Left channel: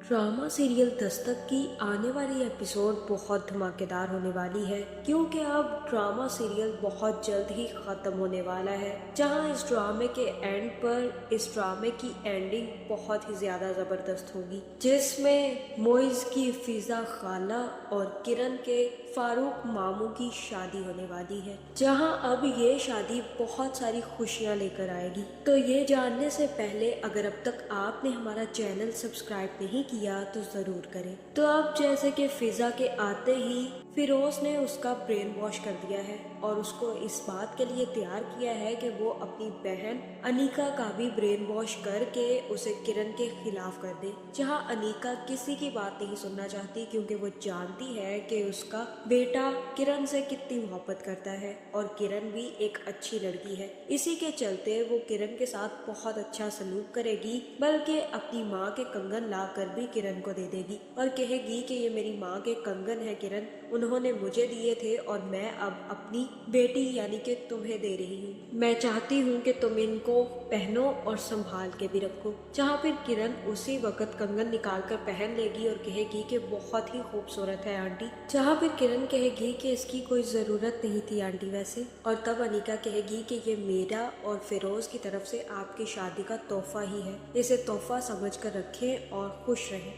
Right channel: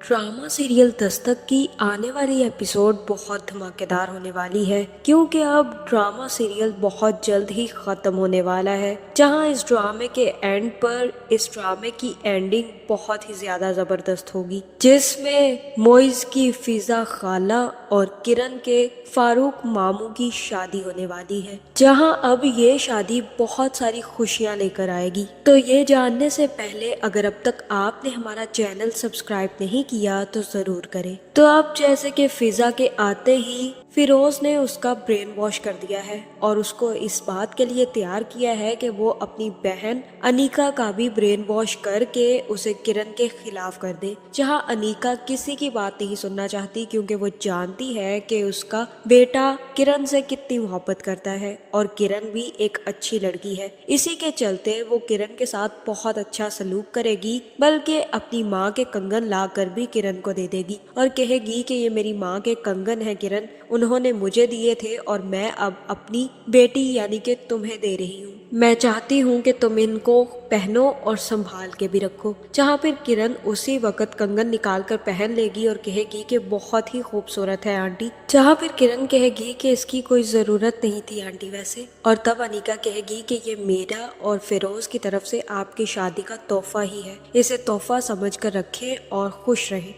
Drama serial Dastak की आने वाली एपिसोड बहुत धमाकेदार होने वाली है क्योंकि अब ड्रामा सीरियल बहुत जल्द ही ख़त्म होने वाला है। जहां इस ड्रामे के एंड पर इस ड्रामे की एंडिंग बहुत ही ज़्यादा ज़बरदस्त होगी, जिसमें मोइज़ की फिज़ा खाला और किरण के फारूक मामू की शादी होने वाली है। जहां अब ये शादी बहुत सारी खुशियां लेकर आएगी। तो ये जानने से पहले अगर अब तक आपने हमारा चैनल सब्सक्राइब नहीं किया तो ज़रूर करें। तो अब जैसे कि फिज़ा के आते ही फिरोज ने उसका ब्रेन वॉश कर दिया है और उसको इस बात के लिए तैयार किया है कि वो अपनी बहन अनीका का भी ब्रेन वॉश करके उसे किरण के खिलाफ कर दे। जहां अनीका किसी की बात नहीं सुनना चाहती क्योंकि वो जानती है कि उसका बेटा किरण से कितनी मोहब्बत करता है और किरण भी एक अच्छी लड़की है। इसी के चलते वो किरण के साथ बहुत अच्छा सलूक करेगी, बल्कि अपनी माँ के कंगन ला कर भी किरण को दे देगी और कहेगी कि ये मेरी माँ के कंगन है किरण, उन्होंने मुझे दिए थे और मैं अब अपनी बेटी यानी कि तुम्हें दे रही हूँ। मैं चाहती हूँ कि तुम इनको पहनो और संभाल के भी रखो। जहाँ फिर किरण उसी वक्त कंगन निकाल कर पहन लेगी और कहेगी कि बहुत ही खूबसूरत है आंटी। जहाँ फिर किरण कहेगी कि इसकी कोई ज़रूरत नहीं थी आंटी वैसे। और तब अनीका कहेगी कि ये मेरा और फिरोज की तरफ से आपकी शादी का तोहफा ही है, इसे तोहफा समझ कर रखें और खुश रहें।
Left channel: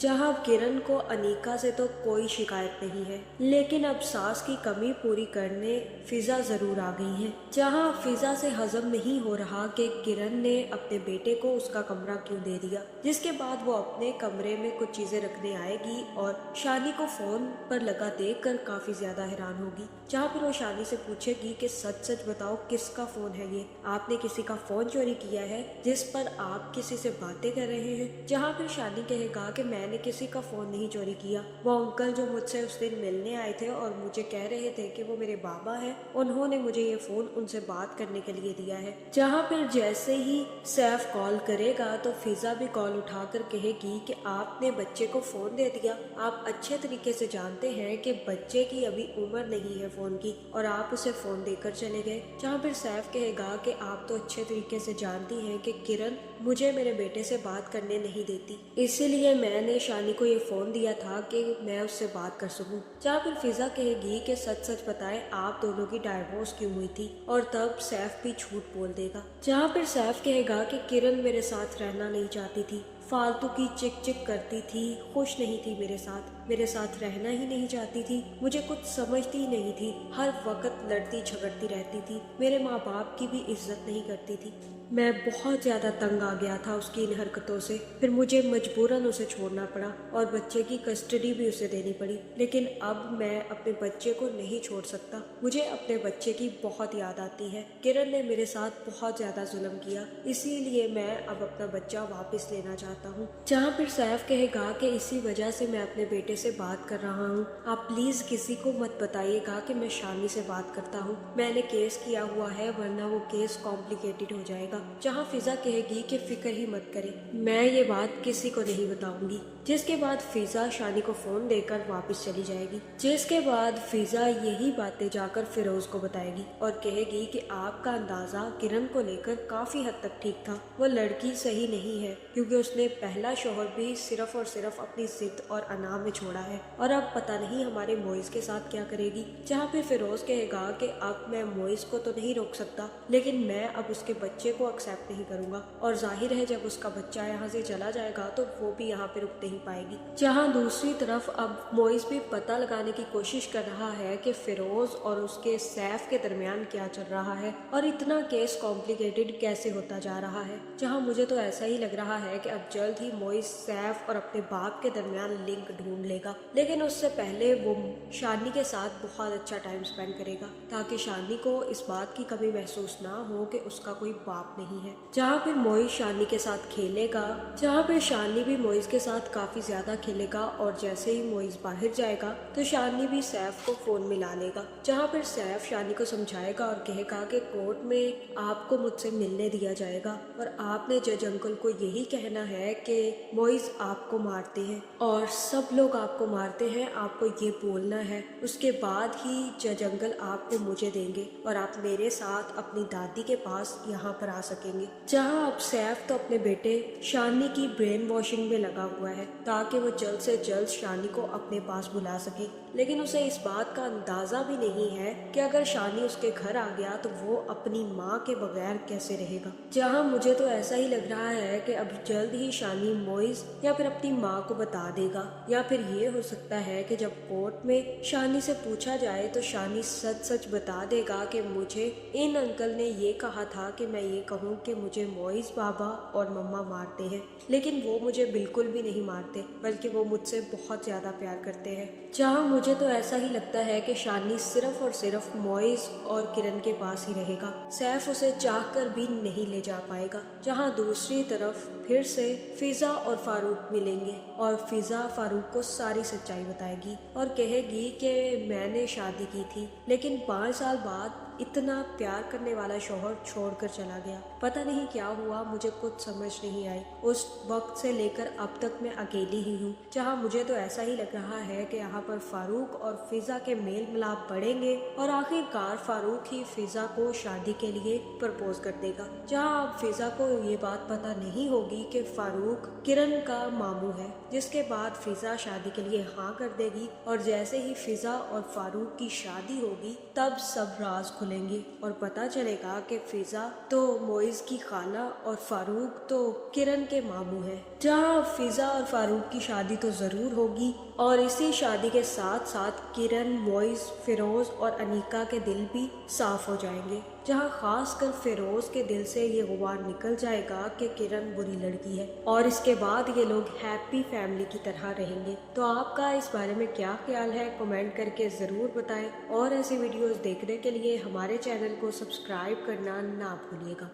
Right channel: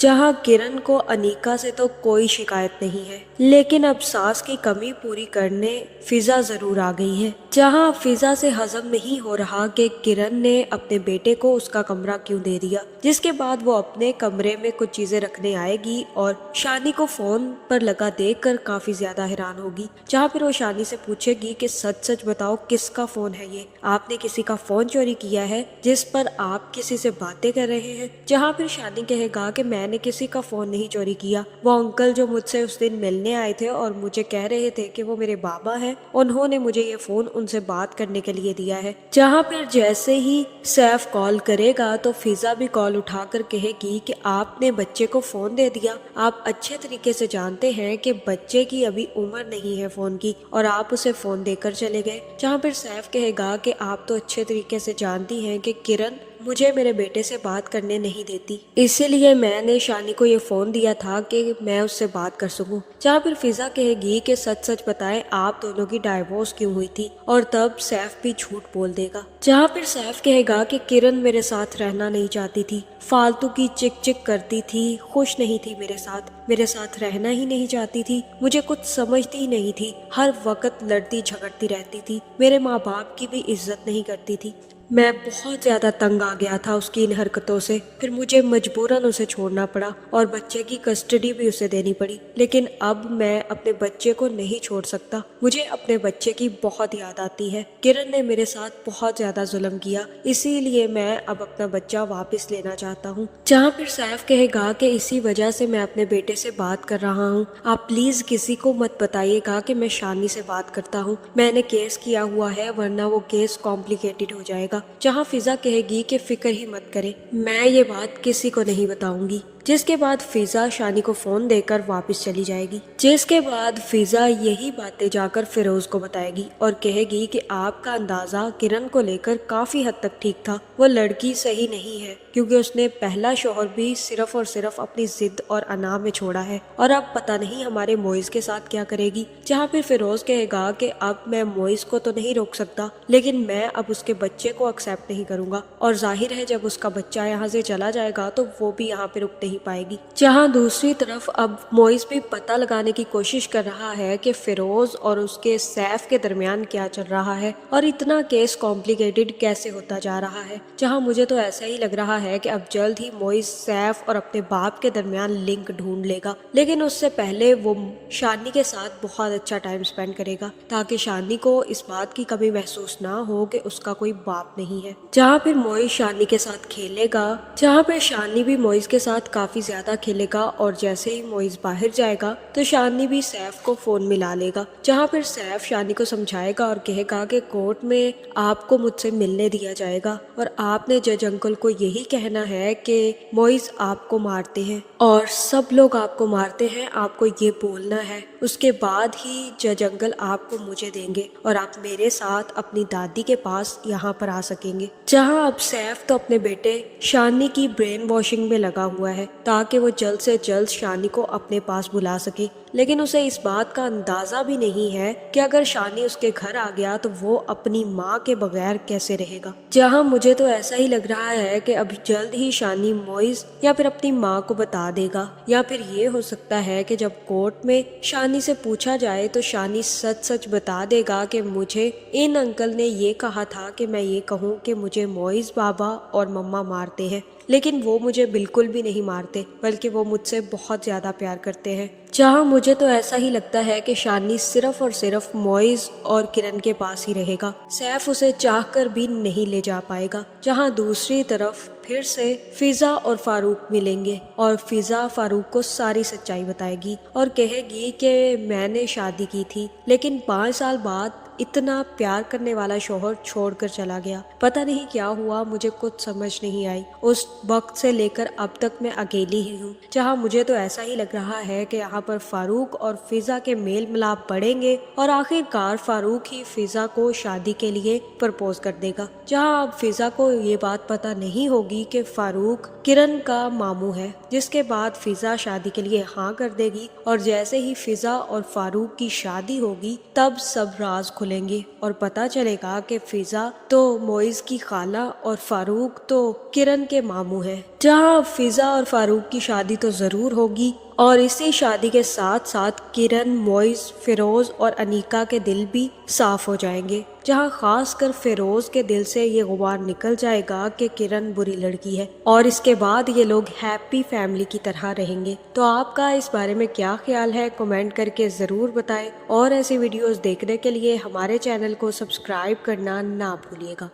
जहां किरण को अनीका से तो कोई शिकायत नहीं है, लेकिन अब सास की कमी पूरी करने फिजा जरूर आ गई है। जहां फिजा से हजम नहीं हो रहा कि किरण ने अपने बेटे को उसका कमरा क्यों दे दिया, जिसके बाद वो अपने कमरे में कुछ चीजें रखने आएगी और शानी को फोन पर लगा देखकर काफी ज्यादा हैरान होगी। जहां फिर वो शानी से पूछेगी कि सच सच बताओ किसका फोन है ये, आपने किसी का फोन चोरी किया है जिस पर आप किसी से बातें कर रहे हैं। जहां फिर शानी कहेगा कि मैंने किसी का फोन नहीं चोरी किया, वो अंकल जो मुझसे उस दिन मिलने आए थे और मुझे कह रहे थे कि वो मेरे बाबा हैं, उन्होंने मुझे ये फोन उनसे बात करने के लिए दिया है। जहां फिर जैसे ही सैफ कॉल करेगा तो फिजा भी कॉल उठाकर कहेगी कि आपने बच्चे को फोन दे दिया, आप अच्छे तरीके से जानते हैं कि बच्चे की अभी उम्र नहीं है फोन की और आप उसे फोन देकर चले गए। जहां फिर सैफ कहेगा कि आप तो अच्छे तरीके से जानती हैं कि किरण मुझे मेरे बेटे से बात करने नहीं देती, इसीलिए मैंने शानी को ये फोन दिया था कि मैं उससे बात कर सकूं। जहाँ फिर फिजा कहेगी कि सच सच बताएं आप दोनों की डाइवोर्स क्यों हुई थी, और तब सैफ भी झूठ बोल देगा। जहाँ फिर सैफ कहेगा कि किरण मेरे साथ रहना नहीं चाहती थी, फालतू की चिक चिक करती थी, खुश नहीं थी मेरे साथ रहना ही नहीं चाहती थी, मुझे कुछ समझती ही नहीं थी, हर वक्त लड़ती झगड़ती रहती थी, मेरे माँ बाप की भी इज्जत नहीं करती थी। मैं बहुत ज़्यादा तंग आ गया था उसकी इन हरकतों से, फिर मुझे मजबूरन उसे छोड़ना पड़ा और बच्चे की कस्टडी भी उसे देनी पड़ी। लेकिन अब मैं अपने बच्चे को नहीं छोड़ सकता, मुझे अपने बच्चे की बहुत याद आती है। किरण ने मेरे साथ बहुत ज़्यादा जुल्म किया, इसीलिए मैं अब अपना बच्चा वापस लेना चाहता हूँ। जहाँ फिर सैफ कहेगा कि इसी वजह से मैं अपने बेटे से बात कर रहा हूँ, आप प्लीज़ किसी को मत बताइएगा कि मैं शानी से बात करता हूँ, मैंने केस किया हुआ है वरना वो केस कॉम्प्लिकेटेड हो जाएगा। जहां फिजा कहेगी कि फिक्र ही मत करें, मैं ये बात किसी को नहीं बताऊंगी। जिसके बाद फिजा शानी को फोन देकर वापस चली जाएगी। जिसके बाद फिजा यही बातें जाकर फिरोज को बताएगी और कहेगी कि आपका अंदाजा किरण को लेकर काफी हद तक ठीक था, वो लड़की सही नहीं है क्योंकि उसने पहला शौहर भी सिर्फ और सिर्फ अपनी जिद और अना में छोड़ा है और अब पता नहीं हमारे मोइज के साथ क्या करेगी। जहाँ फिर फिरोज कहेगा कि अब मैं मोइज को तो नहीं रोक सकता, लेकिन मैं अब उसके बच्चे को एक्सेप्ट नहीं करूंगा और जाहिर है जब उसका बच्चा यहाँ से चला जाएगा तो वो भी यहाँ पे रुक नहीं पाएगी। जहाँ दूसरी तरफ अब मोइज भी पता लगाने की कोशिश कर रहा है कि फिरोज और उसके सैफ के दरमियान क्या चल रहा है और इतना केस कॉम्प्लिकेटेड कैसे होता जा रहा है। जहाँ मुझे तो ऐसा ही लग रहा है कि अब जल्द ही मोइज सैफ और अपने बाप के दरमियान लिंक ढूंढ लेगा, लेकिन उससे पहले वो शानी के साथ बहुत अच्छा टाइम स्पेंड करेगा ताकि शानी को इस बात की कमी महसूस ना हो कि उसका कोई बाप नहीं है। जहाँ फिर मोइज शानी के साथ खेलेगा, जहाँ फिर शानी भी मोइज के साथ काफी ज्यादा खेलेगा और जैसे ही मोइज बाहर जाएगा तो शानी भी सैफ को फोन मिला लेगा। जहाँ फिर सैफ शानी को समझाएगा और कहेगा कि कोर्ट में आपको मुझसे मिलने दिया जाएगा और आपने जज अंकल को यही कहना है कि मोइज आपको मारते हैं और सब लोग आपको मारते हैं, आपको ये बोलना है, उसके बाद ही जज अंकल आपको मुझे देंगे और आप मेरे साथ अपनी दादी के पास यहाँ पर आ सकेंगे। जहाँ अब सैफ तो अपने बेटे शानी की ब्रेन वॉशिंग में लगा हुआ है ताकि वो जल्द से जल्द शानी को अपने पास बुला सके, लेकिन उसे इस बात का अंदाजा भी नहीं है कि अगर शानी उसके घर आ गया तो वो अपनी माँ के बगैर कैसे रहेगा। जहाँ मुझे तो ऐसा ही लग रहा है कि अब जल्द ही शानी मोइज या फिर अपनी माँ को बता देगा, या फिर ये हो सकता है कि जब कोर्ट में शानी से पूछा जाए तो शानी सच सच बता देगा कि मुझे इन अंकल ने ये कहा था कि मैं ये कहूँ कि मुझे मोइज बाबा और मम्मा मारते हैं, लेकिन वो मुझे बिल्कुल भी नहीं मारते, बल्कि वो मुझसे बहुत ज़्यादा प्यार करते हैं। जहाँ मुझे तो ऐसा ही लगता है कि शानी सिर्फ और सिर्फ मोइज और किरण के पास ही रहेगा, सैफ उसे चाहकर भी नहीं ले जा पाएगा। जहाँ दूसरी तरफ फिर से फिजा और फारूक मिलेंगे और फिजा फारूक को सारी सच्चाई बताएगी और कहेगी कि मैंने शादी की थी, लेकिन 5 साल बाद इतना प्यार करने वाला शौहर छोड़कर चला गया। पता नहीं क्या हुआ, मुझे कुछ समझ नहीं आई। उस वक्त से लेकर अब तक मैं अकेली ही हूँ। जहाँ मुझे तो ऐसा ही लग रहा है कि यहाँ पर फारूक और फिजा के मेल मिलाप बढ़ेंगे और आखिरकार फारूक ही फिजा को शादी के लिए प्रपोज कर देगा। जहाँ अब फिजा को ये बात पता नहीं होगी कि फारूक किरण का मामू है, जिसके बाद फिजा शादी के लिए हाँ कर देगी और जैसे ही फिजा और फारूक की शादी होगी तब सब राज खुलेंगे और पता चलेगा कि फिजा तो मोइज की खाला और फारूक तो किरण के मामू है। जहाँ फिजा और फारूक की शादी तो जरूर होगी और इसी शादी के साथ साथ किरण, मोइज, फिरोज और अनीका के दिल भी साफ हो जाएंगे। जहाँ खास कर फिरोज के दिल से ये गुबार निकल जाएगा कि किरण बुरी लड़की है और इसके बाद ये लोग हैप्पी फैमिली की तरह रहेंगे। तो आपका इस बारे में क्या ख्याल है, कमेंट करके ज़रूर बताएं और ऐसी वीडियोस देखने के लिए हमारे चैनल को सब्सक्राइब करना ना भूलिएगा।